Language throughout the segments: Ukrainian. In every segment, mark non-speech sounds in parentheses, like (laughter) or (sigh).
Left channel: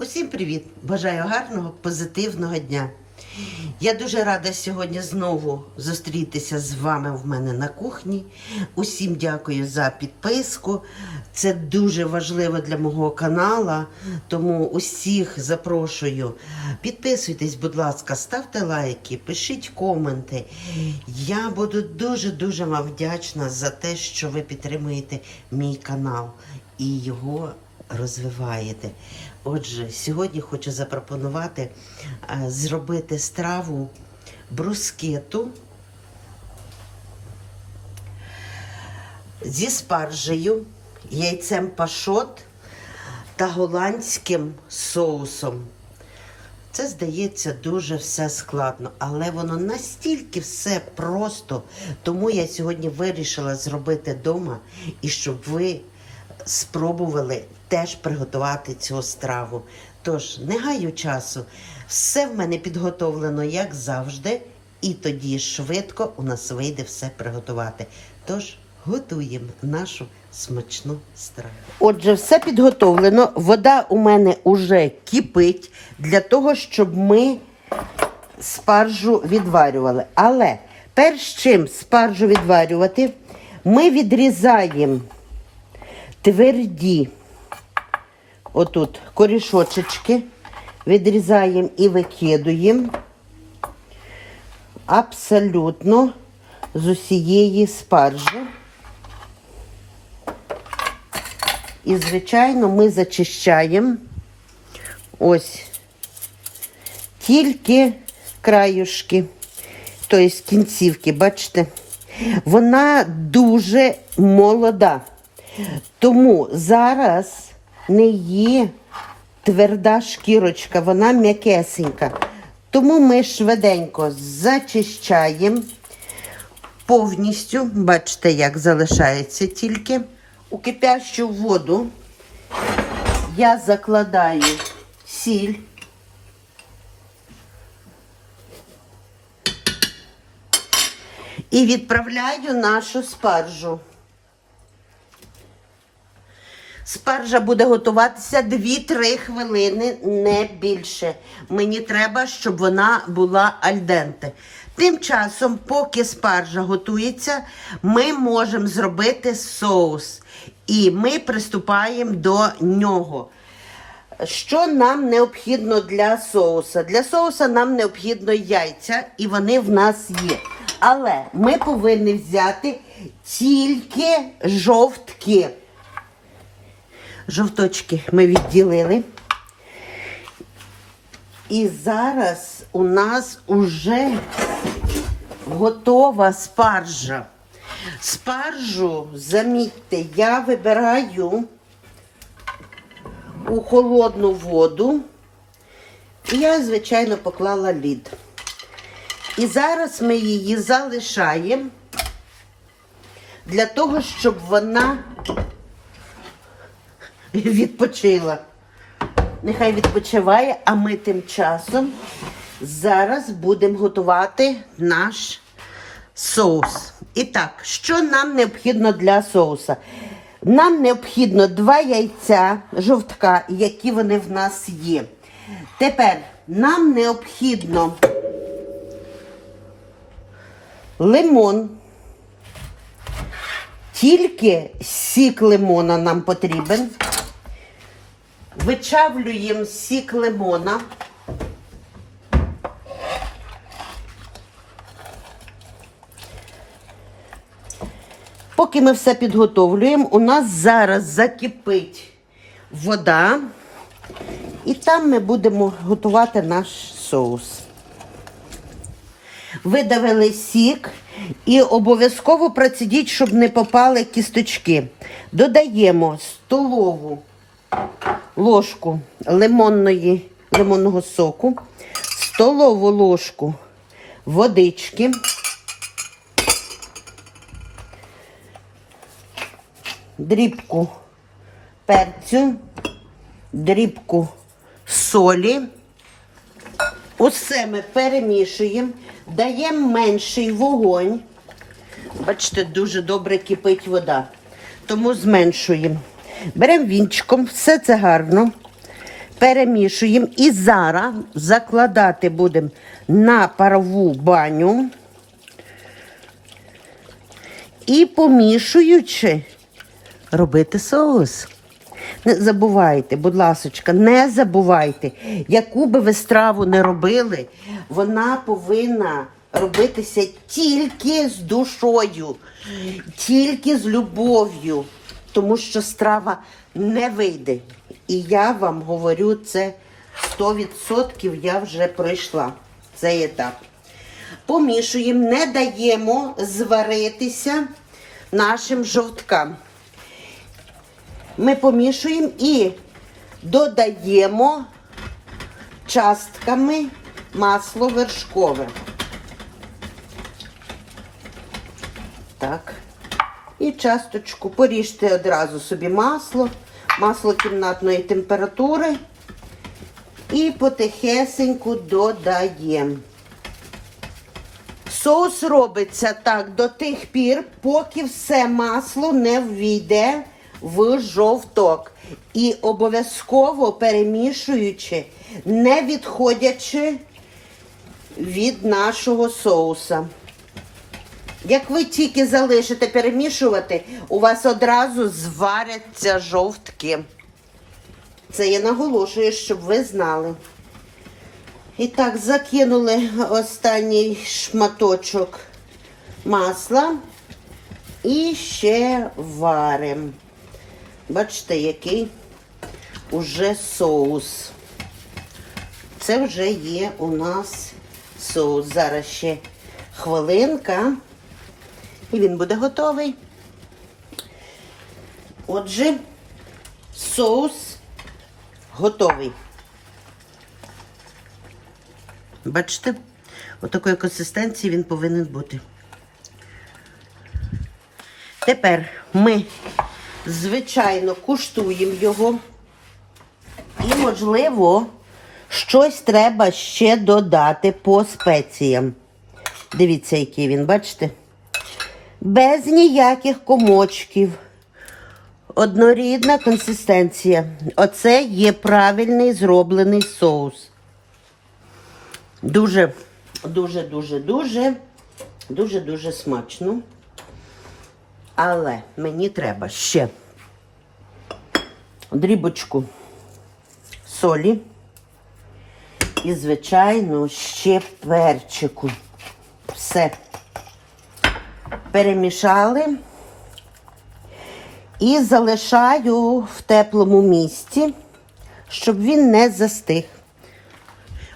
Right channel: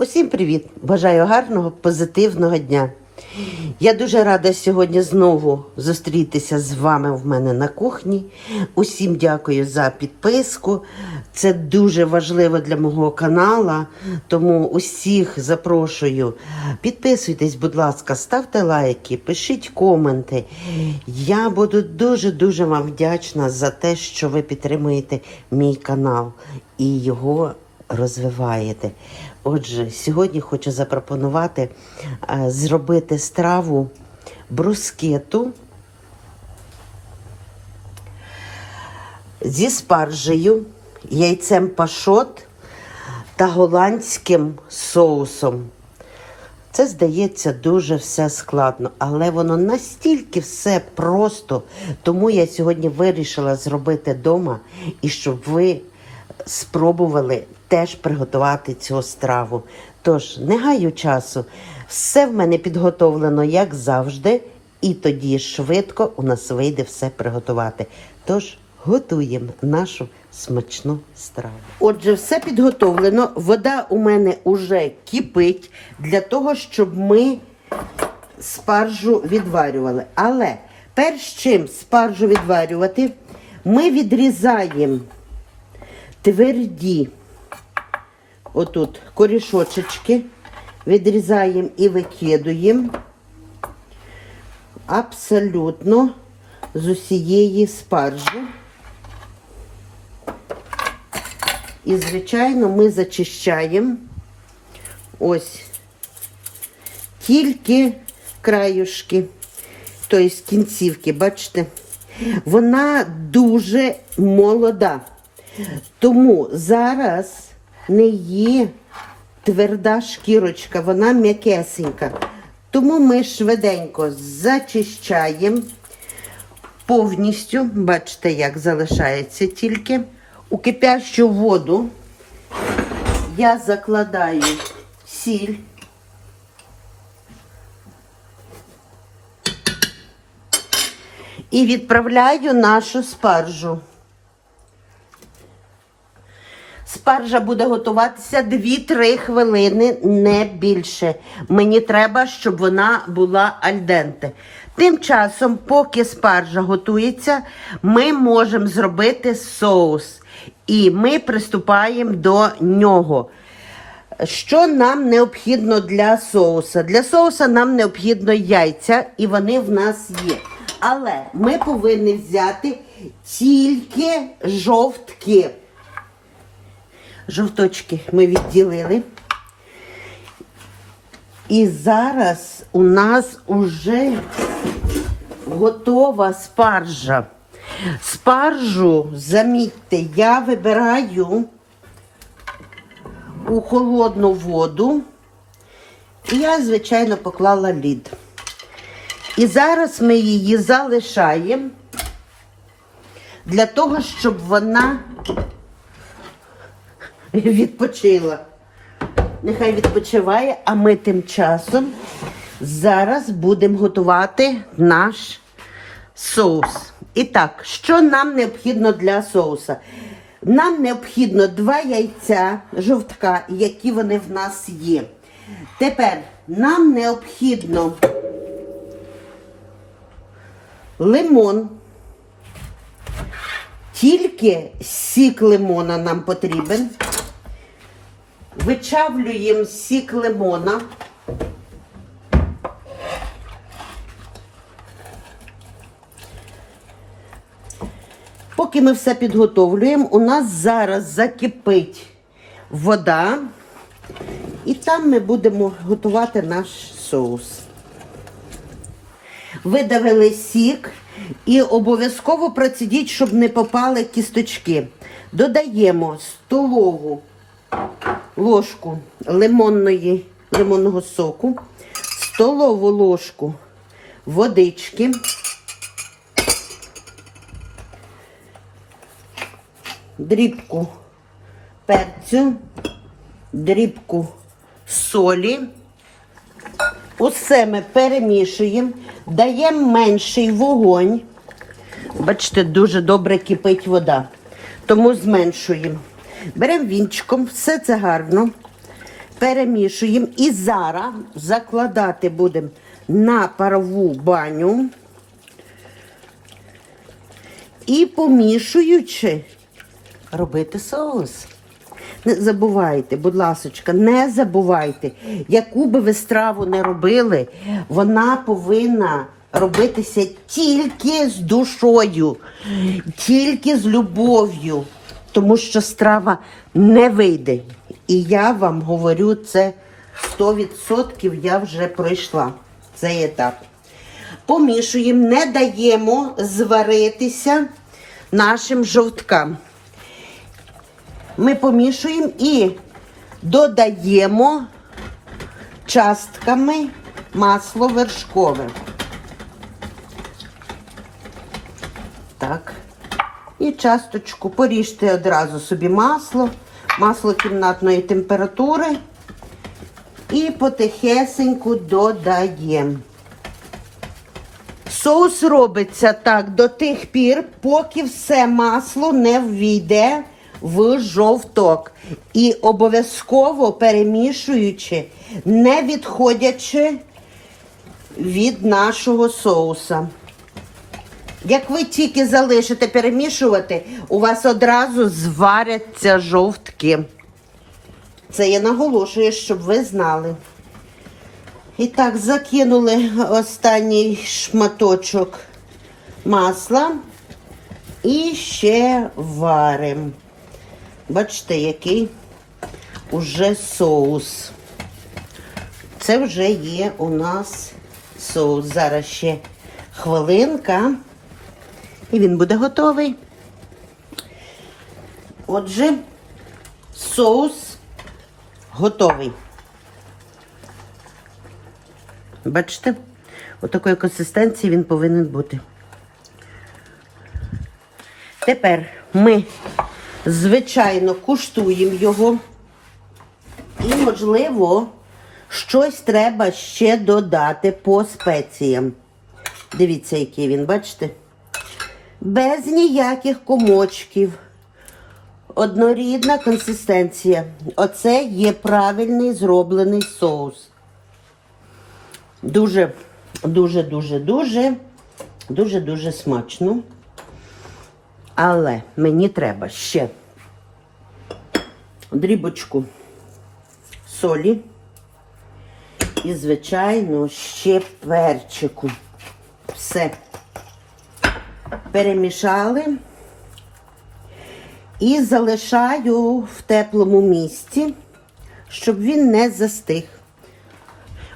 Усім привіт! Бажаю гарного, позитивного дня. Я дуже рада сьогодні знову зустрітися з вами в мене на кухні. Усім дякую за підписку. Це дуже важливо для мого каналу, тому усіх запрошую. Підписуйтесь, будь ласка, ставте лайки, пишіть коменти. Я буду дуже-дуже вам вдячна за те, що ви підтримуєте мій канал і його розвиваєте. Отже, сьогодні хочу запропонувати е, зробити страву брускету зі спаржею, яйцем пашот та голландським соусом. Це здається дуже все складно, але воно настільки все просто. Тому я сьогодні вирішила зробити вдома і щоб ви спробували теж приготувати цю страву. Тож, не гаю часу, все в мене підготовлено, як завжди, і тоді швидко у нас вийде все приготувати. Тож готуємо нашу смачну страву. Отже, все підготовлено. Вода у мене уже кипить для того, щоб ми спаржу відварювали. Але перш чим спаржу відварювати, ми відрізаємо тверді отут корішочечки, відрізаємо і викидуємо абсолютно з усієї спаржі. І, звичайно, ми зачищаємо ось тільки краюшки, тобто кінцівки, бачите? Вона дуже молода. Тому зараз не є тверда шкірочка, вона м'якесенька. Тому ми швиденько зачищаємо повністю, бачите, як залишається тільки. У кипящу воду я закладаю сіль. І відправляю нашу спаржу. Спаржа буде готуватися 2-3 хвилини, не більше. Мені треба, щоб вона була альденте. Тим часом, поки спаржа готується, ми можемо зробити соус. І ми приступаємо до нього. Що нам необхідно для соуса? Для соуса нам необхідно яйця, і вони в нас є. Але ми повинні взяти тільки жовтки. Жовточки ми відділили. І зараз у нас уже готова спаржа. Спаржу, замітьте, я вибираю у холодну воду. І я, звичайно, поклала лід. І зараз ми її залишаємо для того, щоб вона відпочила. Нехай відпочиває, а ми тим часом зараз будемо готувати наш соус. І так, що нам необхідно для соуса? Нам необхідно два яйця жовтка, які вони в нас є. Тепер нам необхідно лимон. Тільки сік лимона нам потрібен. Вичавлюємо сік лимона. Поки ми все підготовлюємо, у нас зараз закипить вода, і там ми будемо готувати наш соус. Видавили сік і обов'язково процідіть, щоб не попали кісточки. Додаємо столову ложку лимонної, лимонного соку, столову ложку водички. дрібку перцю, дрібку солі. Усе ми перемішуємо, даємо менший вогонь. Бачите, дуже добре кипить вода. Тому зменшуємо. Беремо вінчиком, все це гарно. перемішуємо і зараз закладати будемо на парову баню. І помішуючи, робити соус. Не забувайте, будь ласочка, не забувайте, яку би ви страву не робили, вона повинна робитися тільки з душою, тільки з любов'ю, тому що страва не вийде. І я вам говорю це 100% я вже пройшла цей етап. Помішуємо, не даємо зваритися нашим жовткам. Ми помішуємо і додаємо частками масло вершкове. Так. І часточку поріжте одразу собі масло, масло кімнатної температури. І потихесеньку додаємо. Соус робиться так до тих пір, поки все масло не ввійде в жовток. І обов'язково перемішуючи, не відходячи від нашого соуса. Як ви тільки залишите перемішувати, у вас одразу зваряться жовтки. Це я наголошую, щоб ви знали. І так, закинули останній шматочок масла і ще варимо. Бачите, який уже соус. Це вже є у нас соус. Зараз ще хвилинка, і він буде готовий. Отже, соус готовий. Бачите, отакої консистенції він повинен бути. Тепер ми, звичайно, куштуємо його. І, можливо, щось треба ще додати по спеціям. Дивіться, який він, бачите? Без ніяких комочків. Однорідна консистенція. Оце є правильний зроблений соус. Дуже, дуже, дуже, дуже, дуже, дуже смачно. Але мені треба ще дрібочку солі і, звичайно, ще перчику. Все перемішали і залишаю в теплому місці, щоб він не застиг.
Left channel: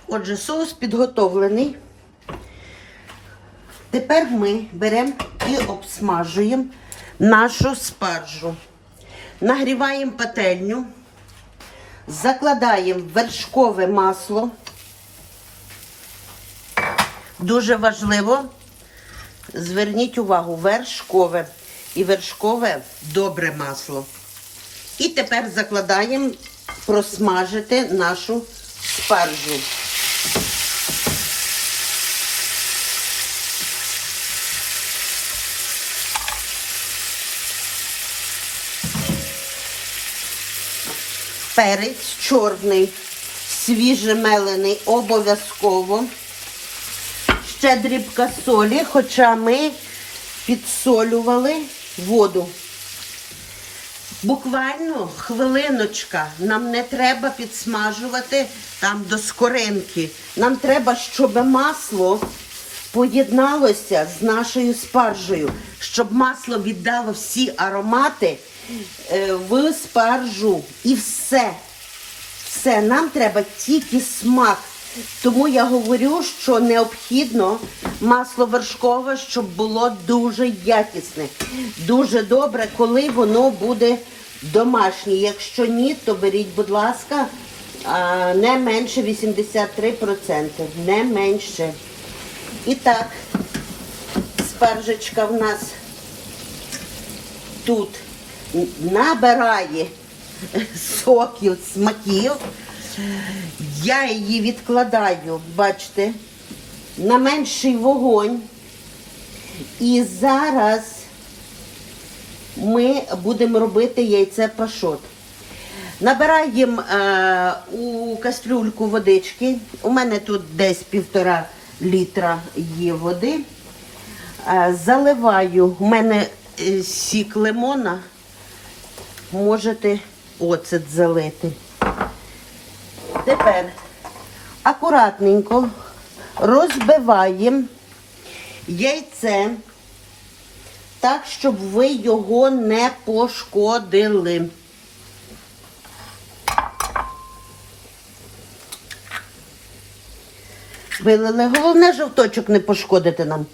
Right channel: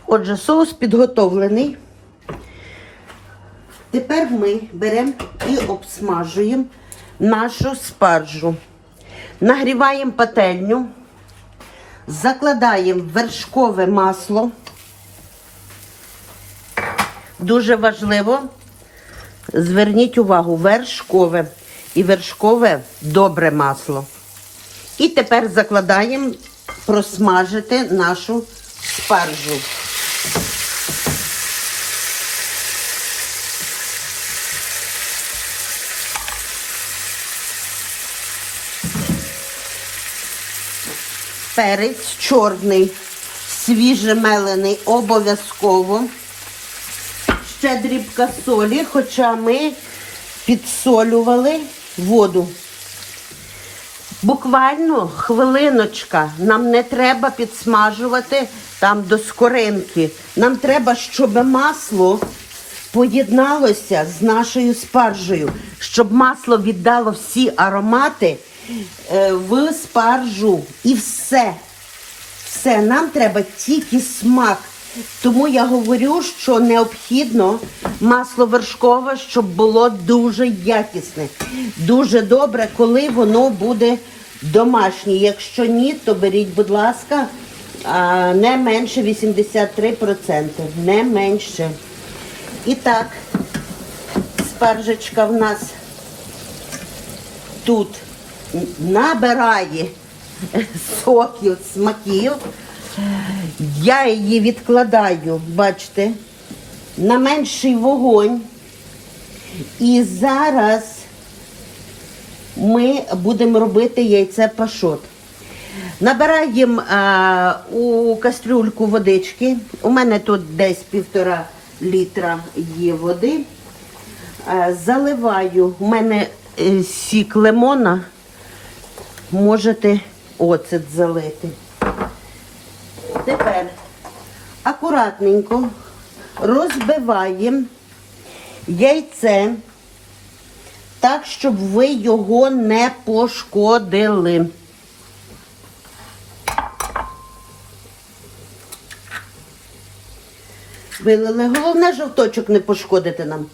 Отже, соус підготовлений. Тепер ми беремо і обсмажуємо нашу спаржу. Нагріваємо пательню, закладаємо вершкове масло. Дуже важливо, зверніть увагу, вершкове і вершкове добре масло. І тепер закладаємо просмажити нашу спаржу. Перець чорний, свіжемелений обов'язково. Ще дрібка солі, хоча ми підсолювали воду. Буквально хвилиночка. Нам не треба підсмажувати там до скоринки. Нам треба, щоб масло поєдналося з нашою спаржею, щоб масло віддало всі аромати е, в спаржу. І все. Все, нам треба тільки смак. Тому я говорю, що необхідно масло вершкове, щоб було дуже якісне. Дуже добре, коли воно буде домашнє. Якщо ні, то беріть, будь ласка, не менше 83%. Не менше. І так, спаржечка в нас тут набирає соків, смаків. Я її відкладаю, бачите, на менший вогонь. І зараз ми будемо робити яйце пашот. Набираємо е, у кастрюльку водички. У мене тут десь півтора літра є води. Е, заливаю, у мене е, сік лимона. Можете оцет залити. Тепер акуратненько розбиваємо яйце так, щоб ви його не пошкодили. Вилили. Головне, жовточок не пошкодити нам.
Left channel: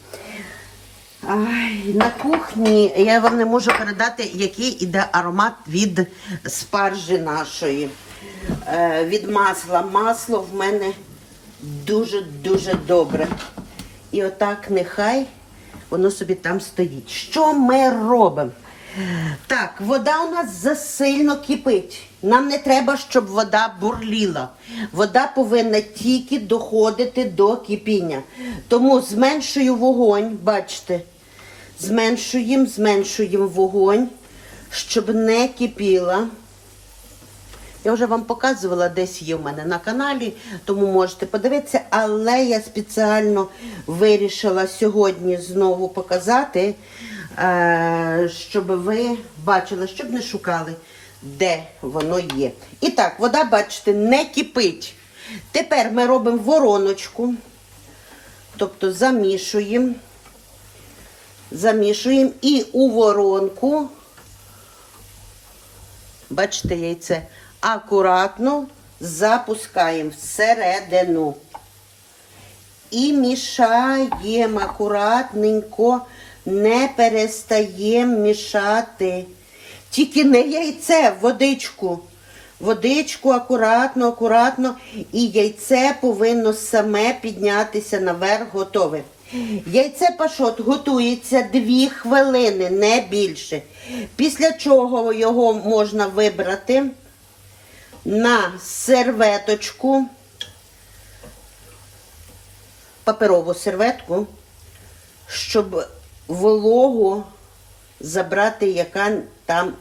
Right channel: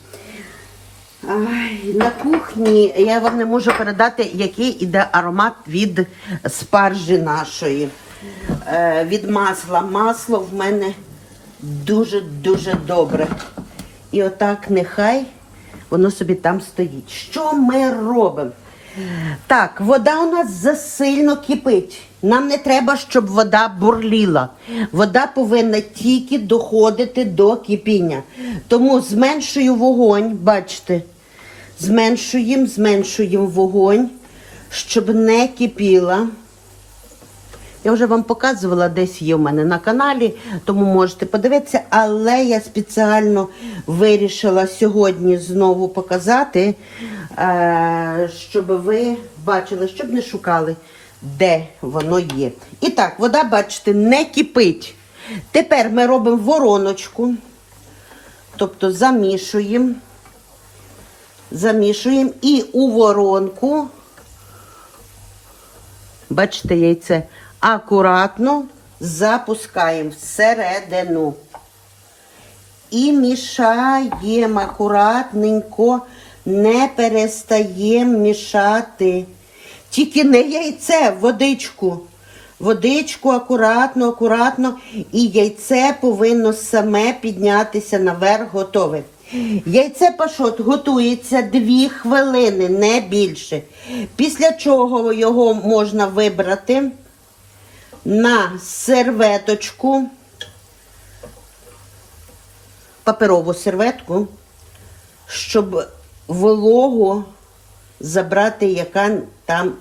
Ай, на кухні я вам не можу передати, який іде аромат від спаржі нашої. Е, від масла. Масло в мене дуже-дуже добре. І отак нехай воно собі там стоїть. Що ми робимо? Так, вода у нас засильно кипить. Нам не треба, щоб вода бурліла. Вода повинна тільки доходити до кипіння. Тому зменшую вогонь, бачите, зменшуємо, зменшуємо вогонь, щоб не кипіла. Я вже вам показувала, десь є в мене на каналі, тому можете подивитися. Але я спеціально вирішила сьогодні знову показати, е, щоб ви бачили, щоб не шукали, де воно є. І так, вода, бачите, не кипить. Тепер ми робимо вороночку, тобто замішуємо, замішуємо і у воронку. Бачите, яйце акуратно запускаємо всередину. І мішаємо акуратненько, не перестаємо мішати. Тільки не яйце, водичку. Водичку акуратно, акуратно. І яйце повинно саме піднятися наверх, готове. Яйце пашот готується 2 хвилини, не більше. Після чого його можна вибрати на серветочку, паперову серветку, щоб вологу забрати, яка там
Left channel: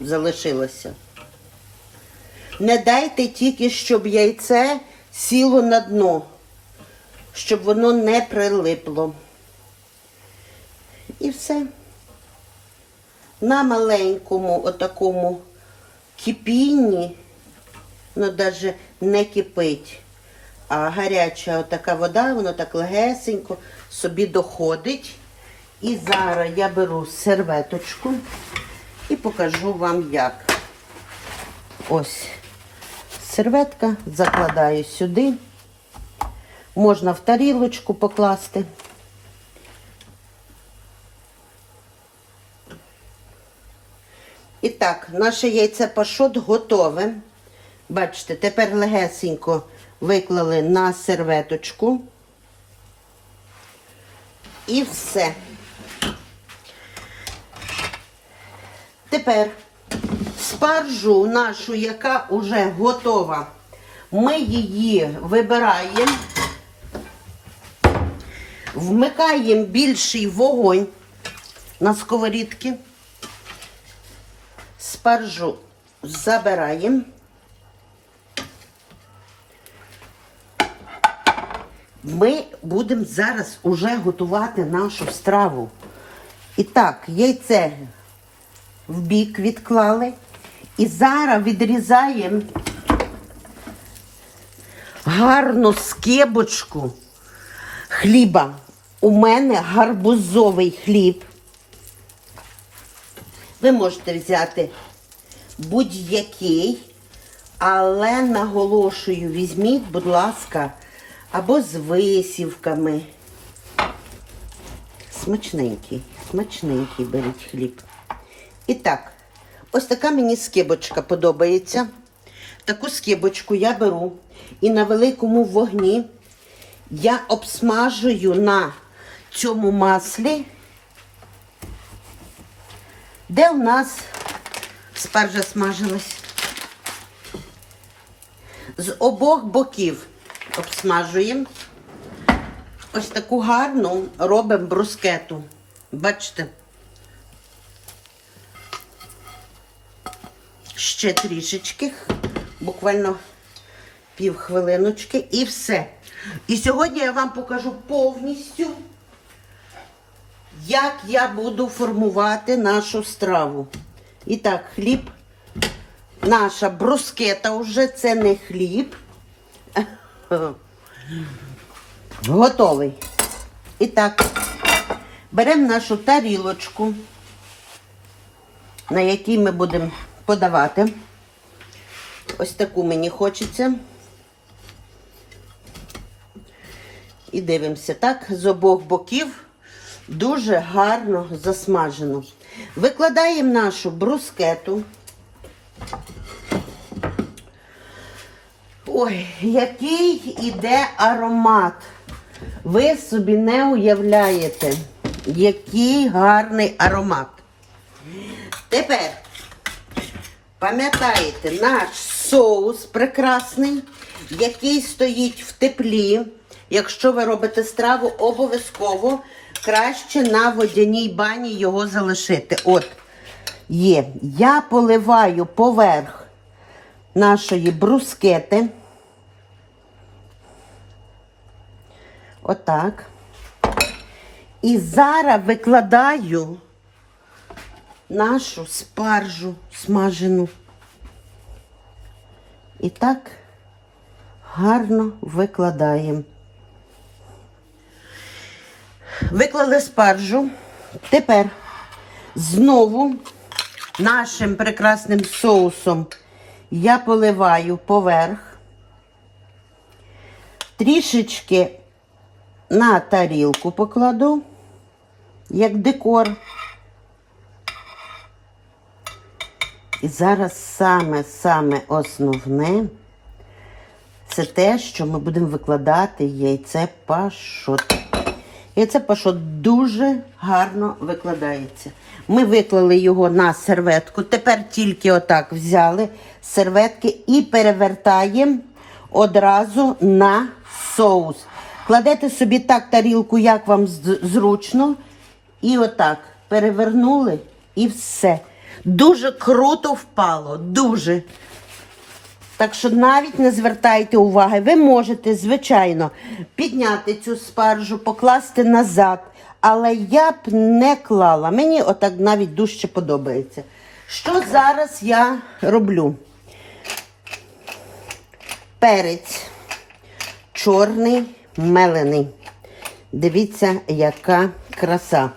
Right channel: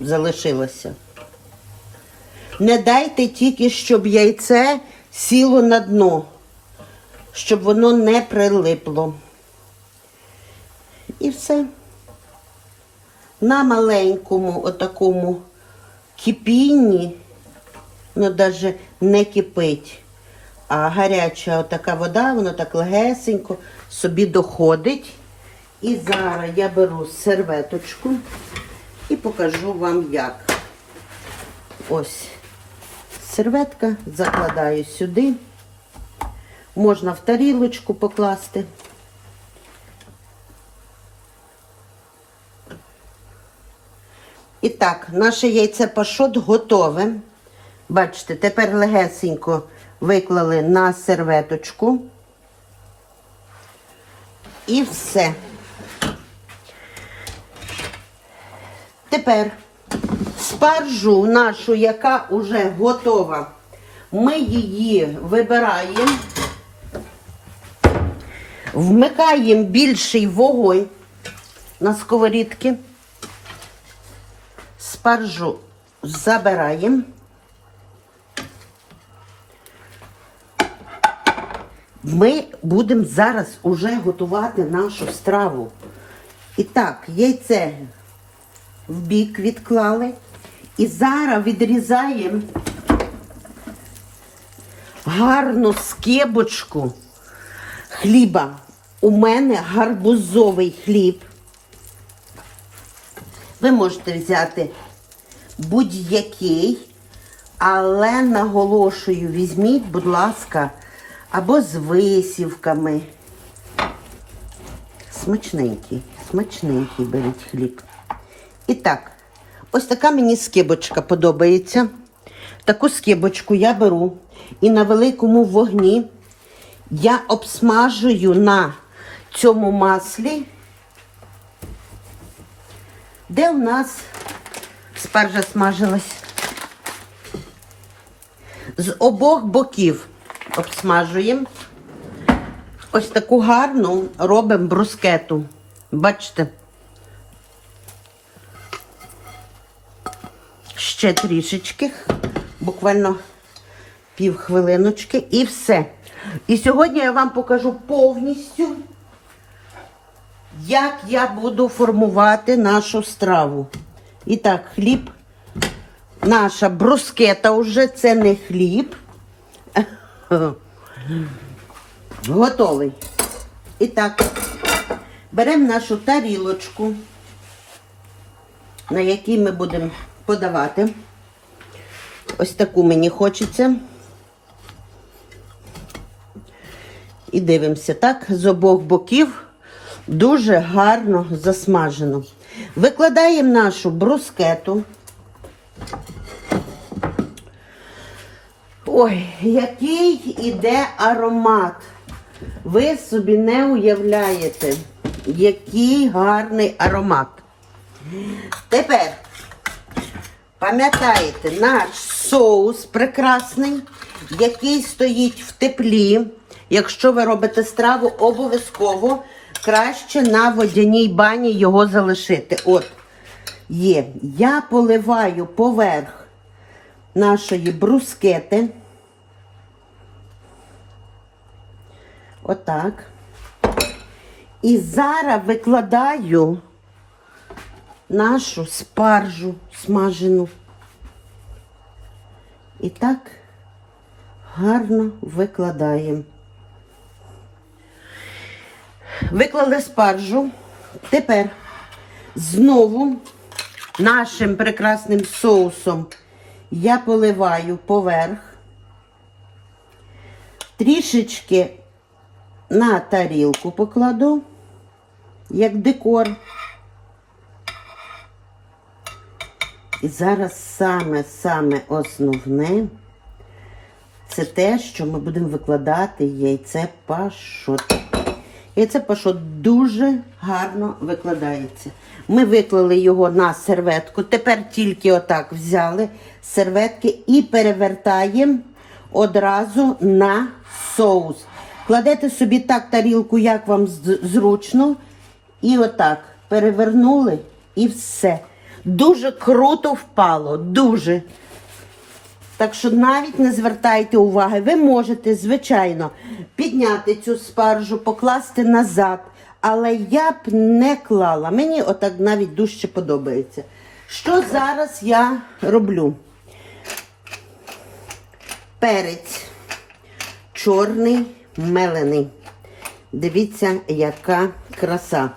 залишилася. Не дайте тільки, щоб яйце сіло на дно, щоб воно не прилипло. І все. На маленькому отакому кипінні, ну навіть не кипить, а гаряча така вода, воно так легесенько собі доходить. І зараз я беру серветочку і покажу вам як. Ось серветка, закладаю сюди. Можна в тарілочку покласти. І так, наше яйце пашот готове. Бачите, тепер легесенько виклали на серветочку. І все. Тепер спаржу нашу, яка вже готова, ми її вибираємо, вмикаємо більший вогонь на сковорідки, спаржу забираємо. Ми будемо зараз уже готувати нашу страву. І так, яйце в бік відклали. І зараз відрізаємо гарну скибочку хліба. У мене гарбузовий хліб. Ви можете взяти будь-який, але наголошую, візьміть, будь ласка, або з висівками. Смачненький, смачненький беріть хліб. І так, ось така мені скибочка подобається. Таку скибочку я беру і на великому вогні я обсмажую на цьому маслі, де у нас спаржа смажилась. З обох боків обсмажуємо. Ось таку гарну робимо брускету. Бачите? ще трішечки, буквально пів хвилиночки і все. І сьогодні я вам покажу повністю, як я буду формувати нашу страву. І так, хліб. Наша брускета вже це не хліб. Готовий. І так, беремо нашу тарілочку, на якій ми будемо подавати. Ось таку мені хочеться. І дивимося, так, з обох боків дуже гарно засмажено. Викладаємо нашу брускету. Ой, який іде аромат. Ви собі не уявляєте, який гарний аромат. Тепер пам'ятаєте наш соус прекрасний, який стоїть в теплі. Якщо ви робите страву, обов'язково краще на водяній бані його залишити. От, є. Я поливаю поверх нашої брускети. Отак. І зараз викладаю нашу спаржу смажену. І так гарно викладаємо. Виклали спаржу. Тепер знову нашим прекрасним соусом я поливаю поверх. Трішечки на тарілку покладу, як декор. І зараз саме-саме основне це те, що ми будемо викладати яйце пашот. Яйце пашот дуже гарно викладається. Ми виклали його на серветку. Тепер тільки отак взяли серветки і перевертаємо одразу на соус. Кладете собі так тарілку, як вам зручно. І отак перевернули і все. Дуже круто впало. Дуже. Так що навіть не звертайте уваги. Ви можете, звичайно, підняти цю спаржу, покласти назад. Але я б не клала. Мені отак навіть дужче подобається. Що зараз я роблю? Перець чорний мелений. Дивіться, яка краса.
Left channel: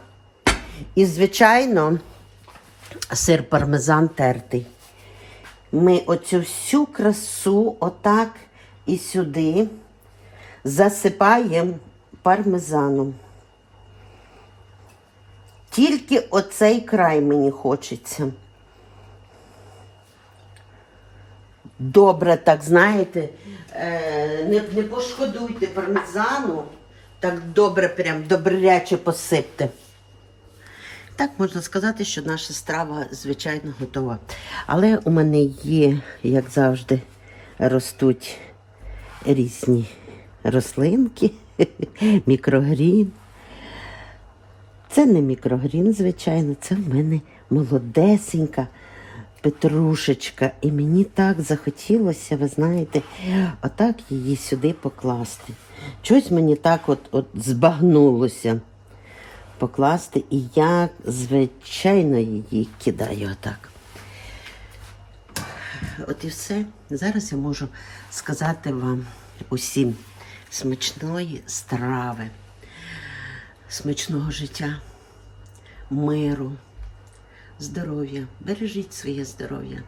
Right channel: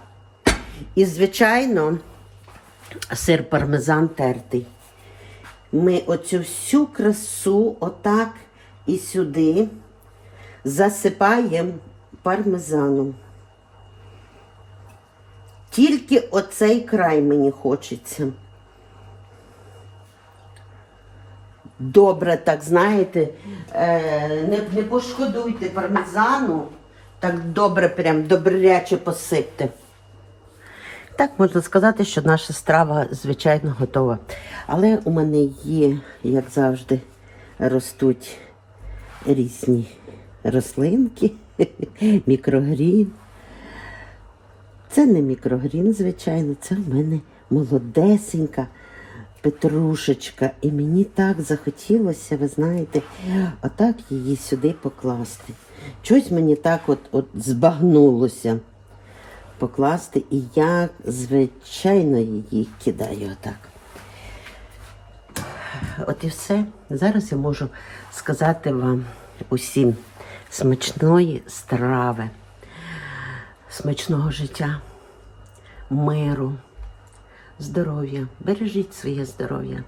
І, звичайно, сир пармезан тертий. Ми оцю всю красу отак і сюди засипаємо пармезаном. Тільки оцей край мені хочеться. Добре, так знаєте, е, не, не пошкодуйте пармезану, так добре, прям добряче посипте. Так можна сказати, що наша страва, звичайно, готова. Але у мене є, як завжди, ростуть різні рослинки, (laughs) мікрогрін. Це не мікрогрін, звичайно, це в мене молодесенька петрушечка. І мені так захотілося, ви знаєте, отак її сюди покласти. Щось мені так от, от збагнулося покласти, і я, звичайно, її кидаю отак. От і все. Зараз я можу сказати вам усім смачної страви, смачного життя, миру, здоров'я. Бережіть своє здоров'я.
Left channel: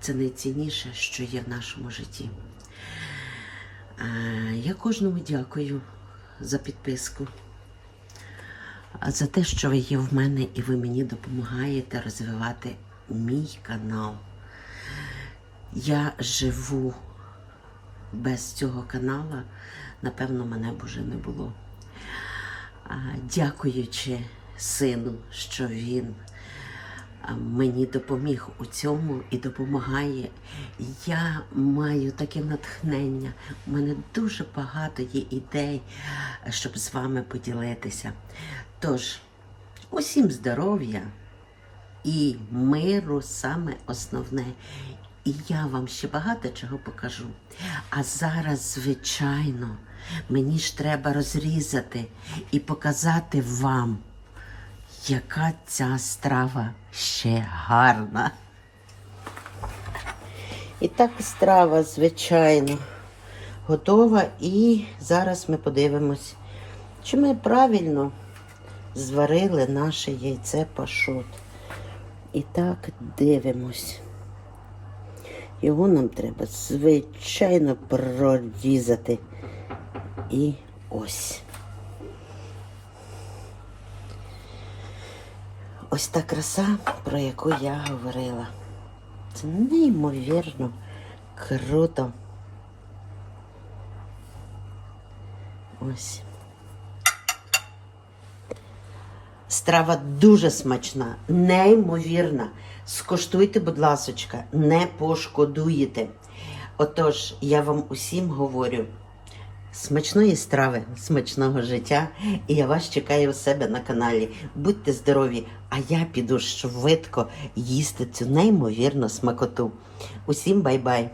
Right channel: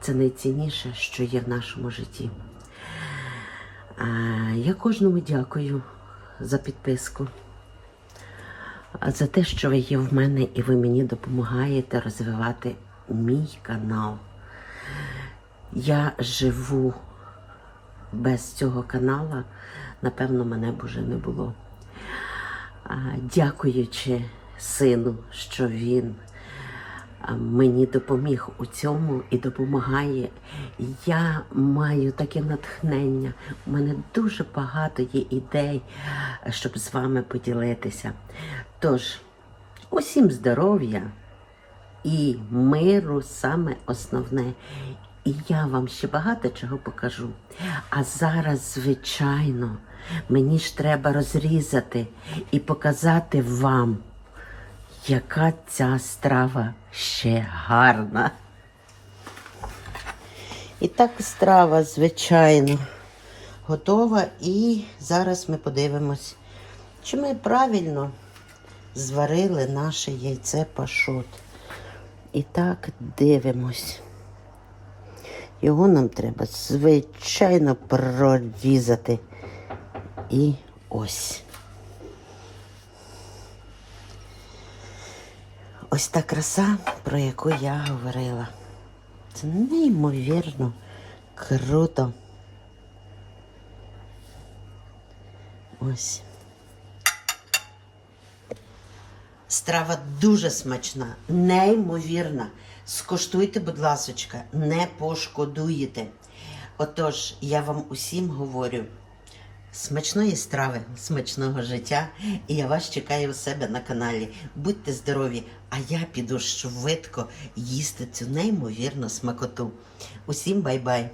Це найцінніше, що є в нашому житті. Я кожному дякую за підписку. За те, що ви є в мене і ви мені допомагаєте розвивати мій канал. Я живу без цього каналу, напевно, мене б уже не було. Дякуючи сину, що він мені допоміг у цьому і допомагає. Я маю таке натхнення. У мене дуже багато є ідей, щоб з вами поділитися. Тож, усім здоров'я, і миру саме основне. І я вам ще багато чого покажу. А зараз, звичайно, мені ж треба розрізати і показати вам, яка ця страва ще гарна. І так страва, звичайно, готова. І зараз ми подивимось, чи ми правильно зварили наше яйце пашот. І так дивимось. Його нам треба, звичайно, прорізати. І ось. Ось та краса, про яку я говорила. Це неймовірно круто. Ось. Страва дуже смачна, неймовірна. Скуштуйте, будь ласочка, не пошкодуєте. Отож, я вам усім говорю. Смачної страви, смачного життя, і я вас чекаю у себе на каналі. Будьте здорові, а я піду швидко їсти цю неймовірну смакоту. Усім бай-бай!